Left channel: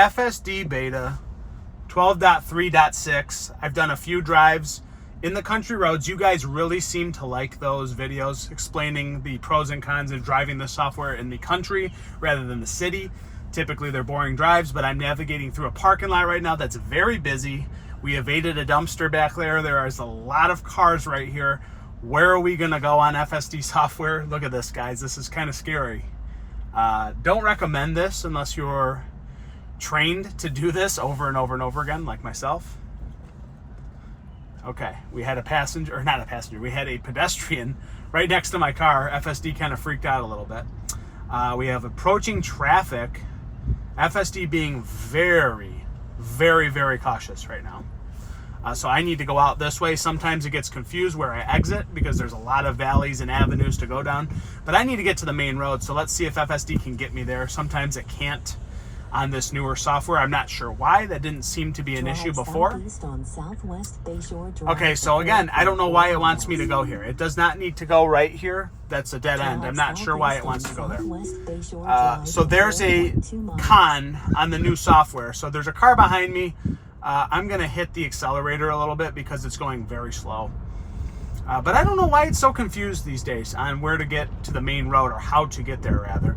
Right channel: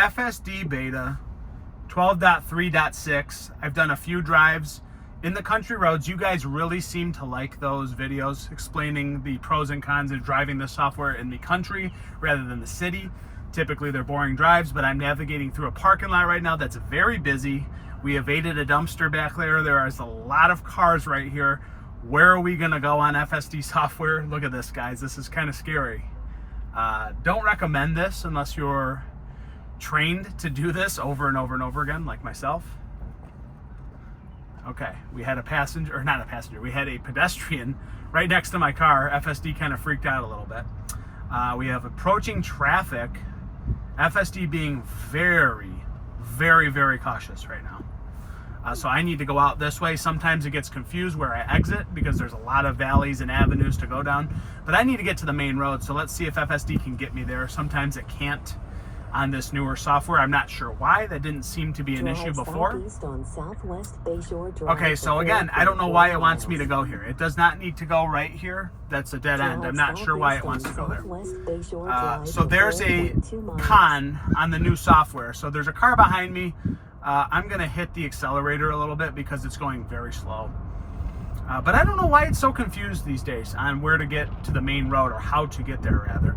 FSD beta 12.3.6. I've done a few drives in the country roads. You guys really seem to like those videos explaining the pros and cons of driving this software in the country rather than the city. Typically they're boring drives, but I'm navigating through a parking lot right now that's very busy. We evaded a dumpster back there. There is a lot of cars right here. Where are we gonna go on FSD software? Look at this, guys. This is kind of scary. Don't recommend this unless you're trained to do this over and over and over again, like myself. Okay, we had a passenger, or not a passenger, we had a pedestrian right next to my car. FSD kind of freaked out a little bit. We have approaching traffic. FSD being very, very, very cautious right now. So I need to go out this way. Sometimes it gets confused where I exit because there's a lot of valleys and avenues to go down. But I need to get to the main road, so let's see if FSD can get me there. Sometimes it can't on this newer software. I'm not sure why. That didn't seem to be an issue before. Okay, so again, I don't know why it wants me to go here. It does not need to go right here. That's a dead end. I'm not sure why it wants to go there. So there's a con on the new software. So there's a car behind me. I'm going to hit the accelerator a little bit because it's going very slow. But I don't know why it's so confused these days on where to get to the main road, or how to get there rather.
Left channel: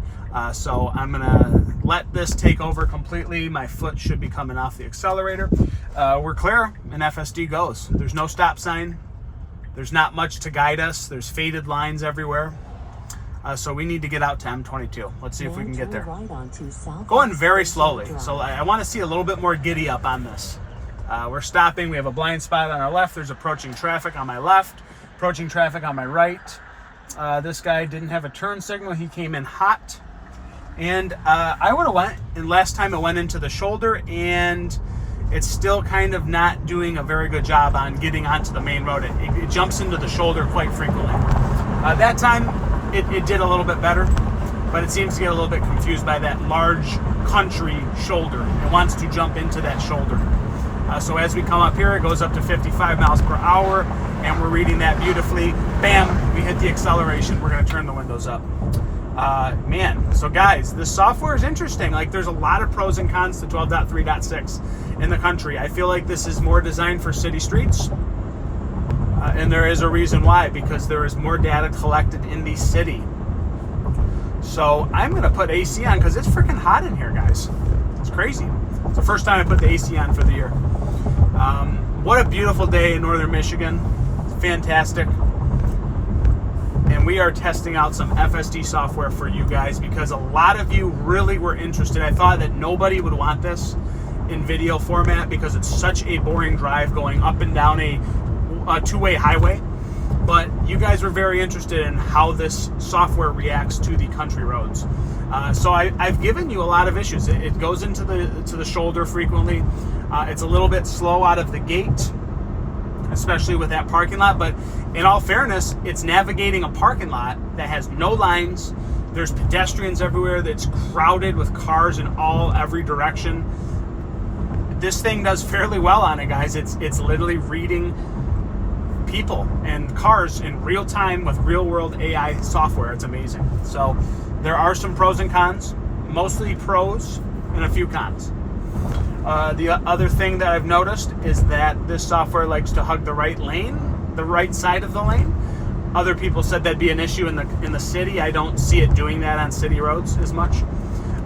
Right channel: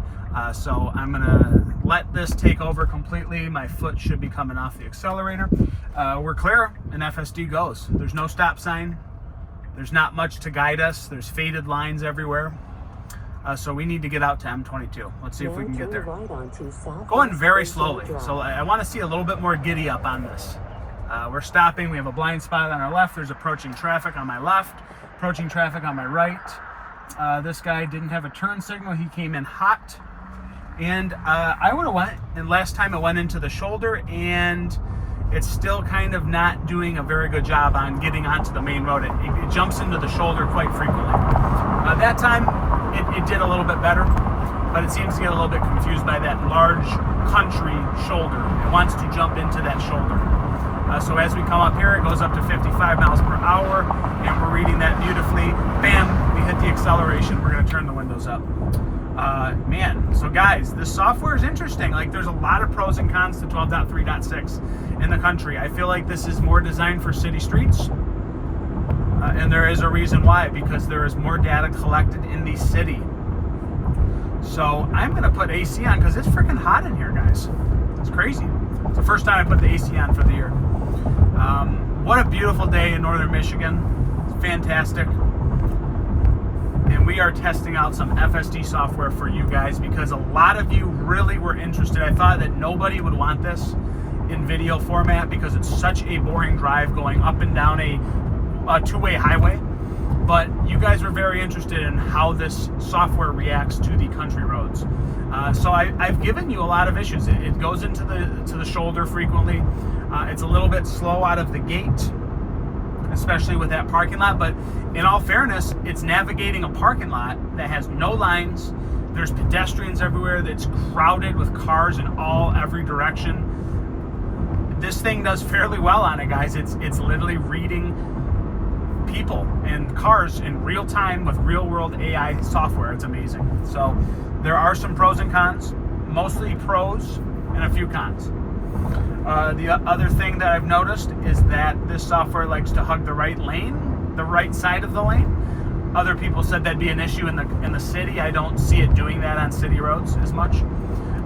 So I'm going to let this take over completely. My foot should be coming off the accelerator. We're clear, and FSD goes. There's no stop sign. There's not much to guide us. There's faded lines everywhere. So we need to get out to M22. Let's see if we can get there. Going very slowly, so I want to see a little bit more giddy up on this. We're stopping. We have a blind spot on our left. There's approaching traffic on my left, approaching traffic on my right. This guy didn't have a turn signal. He came in hot. And I would have went, and last time it went into the shoulder, and it's still kind of not doing a very good job on getting onto the main road. It jumps into the shoulder quite frequently. That time it did a little bit better, but it seems to get a little bit confused by that large country shoulder. It wants to jump into that shoulder. So as we come up here, it goes up to 55 miles per hour, and we're reading that beautifully. Bam, we hit the acceleration. We're going to turn the windows up. Man, so guys, this software is interesting. Like, there's a lot of pros and cons to 12.3.6 in the country. I feel like this is more designed for city streets, and there is a reason why, because there is more data collected in the city. So I'm going to put AC on because it's freaking hot in here, guys. It's crazy. It's the first time I put the AC on for the year. What a beautiful day in northern Michigan. It's fantastic. And we are testing out some FSD software for you guys because a lot of you really were interested. I thought that nobody would want this in video format because it's such a boring drive going up and down a two-way highway. But you guys were very interested in how this software reacts to the country roads. So I've given you a lot of issues. It goes into the shoulder frequently. It's a little bit slow out of the gate, especially with that parking lot. But in all fairness, it's navigating a parking lot that has no lines. There's pedestrians everywhere. That's crowded with cars in every direction. This thing does fairly well on it, guys. It's literally reading people and cars in real time with real world AI software. It's amazing. So there are some pros and cons, mostly pros and a few cons. The other thing that I've noticed is that this software likes to hug the right lane, the right side of the lane. Other people said that'd be an issue in the city. I don't see it doing that on city roads as much.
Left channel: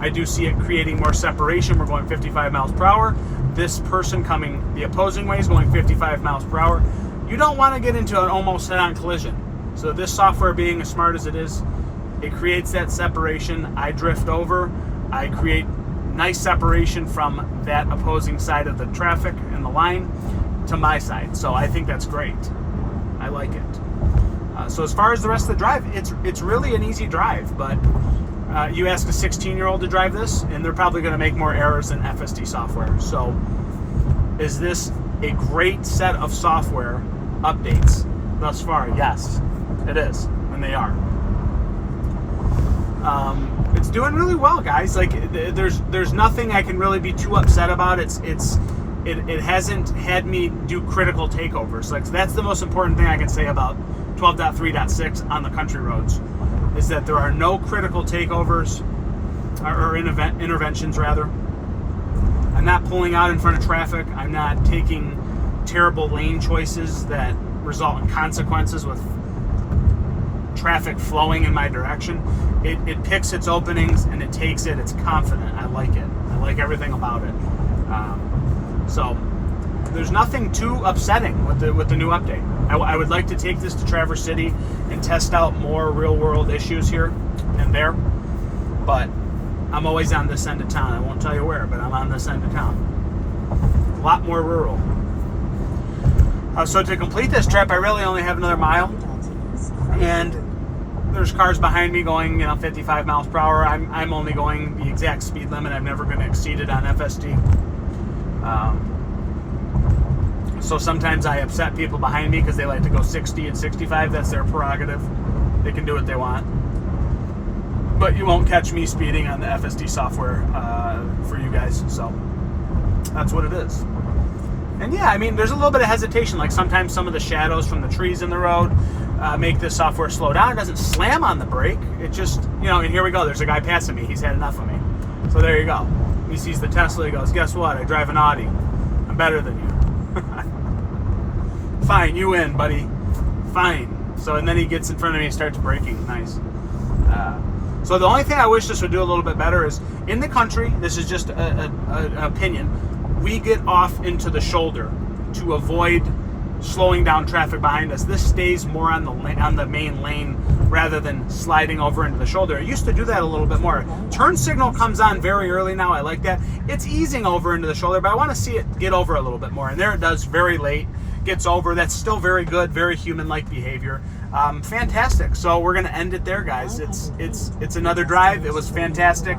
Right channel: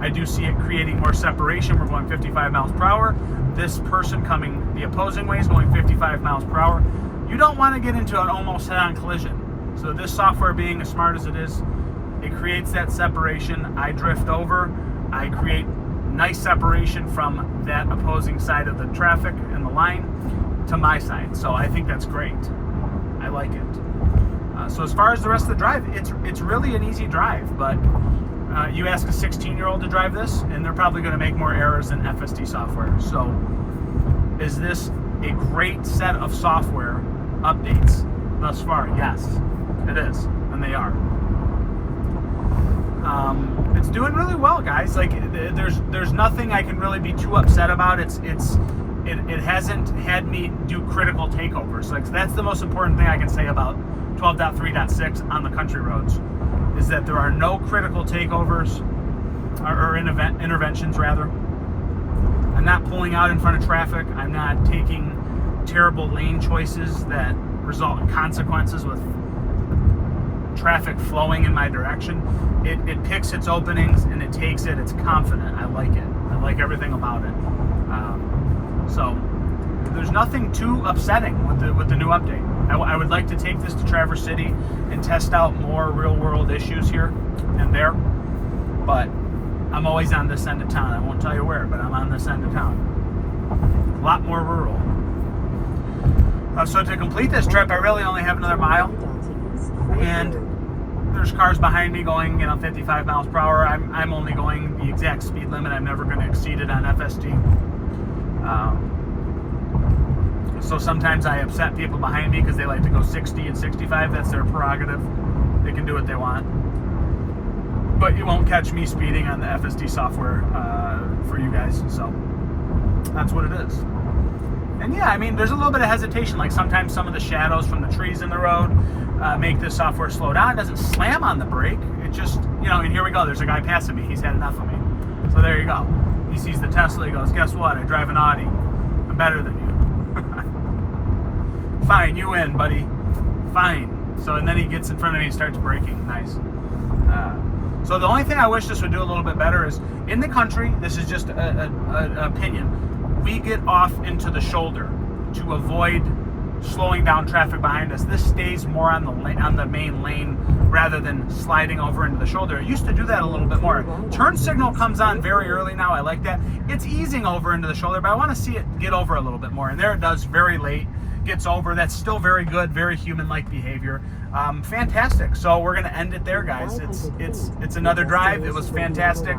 I do see it creating more separation. We're going 55 miles per hour. This person coming the opposing way is going 55 miles per hour. You don't want to get into an almost head-on collision. So this software, being as smart as it is, it creates that separation. I drift over. I create nice separation from that opposing side of the traffic and the line to my side. So I think that's great. I like it. So as far as the rest of the drive, it's really an easy drive. But you ask a 16-year-old to drive this, and they're probably going to make more errors than FSD software. So is this a great set of software updates thus far? Yes, it is, and they are. It's doing really well, guys. Like, there's nothing I can really be too upset about. It hasn't had me do critical takeovers. Like, that's the most important thing I can say about 12.3.6 on the country roads, is that there are no critical takeovers or interventions rather. I'm not pulling out in front of traffic. I'm not taking terrible lane choices that result in consequences with traffic flowing in my direction. It picks its openings and it takes it. It's confident. I like it. I like everything about it. So there's nothing too upsetting with the new update. I would like to take this to Traverse City and test out more real world issues here and there, but I'm always on this end of town. I won't tell you where, but I'm on this end of town. A lot more rural. So to complete this trip, I really only have another mile, and there's cars behind me going 55 miles per hour. I'm only going the exact speed limit. I'm never going to exceed it on FSD. So sometimes I upset people behind me because they like to go 60 and 65. That's their prerogative. They can do what they want. But you won't catch me speeding on the FSD software for you guys. So that's what it is. And yeah, I mean, there's a little bit of hesitation. Like sometimes some of the shadows from the trees in the road make this software slow down. It doesn't slam on the brake. It just, and here we go. There's a guy passing me. He's had enough of me. So there you go. He sees the Tesla. He goes, guess what? I drive an Audi. I'm better than you. Fine, you win, buddy. Fine. So, and then he gets in front of me and starts braking. Nice. So the only thing I wish this would do a little bit better is, in the country, this is just an opinion, we get off into the shoulder to avoid slowing down traffic behind us. This stays more on the main lane rather than sliding over into the shoulder. It used to do that a little bit more. Turn signal comes on very early now. I like that. It's easing over into the shoulder, but I want to see it get over a little bit more. And there it does, very late. Gets over. That's still very good, very human-like behavior. Fantastic. So we're going to end it there, guys. It's another drive. It was fantastic.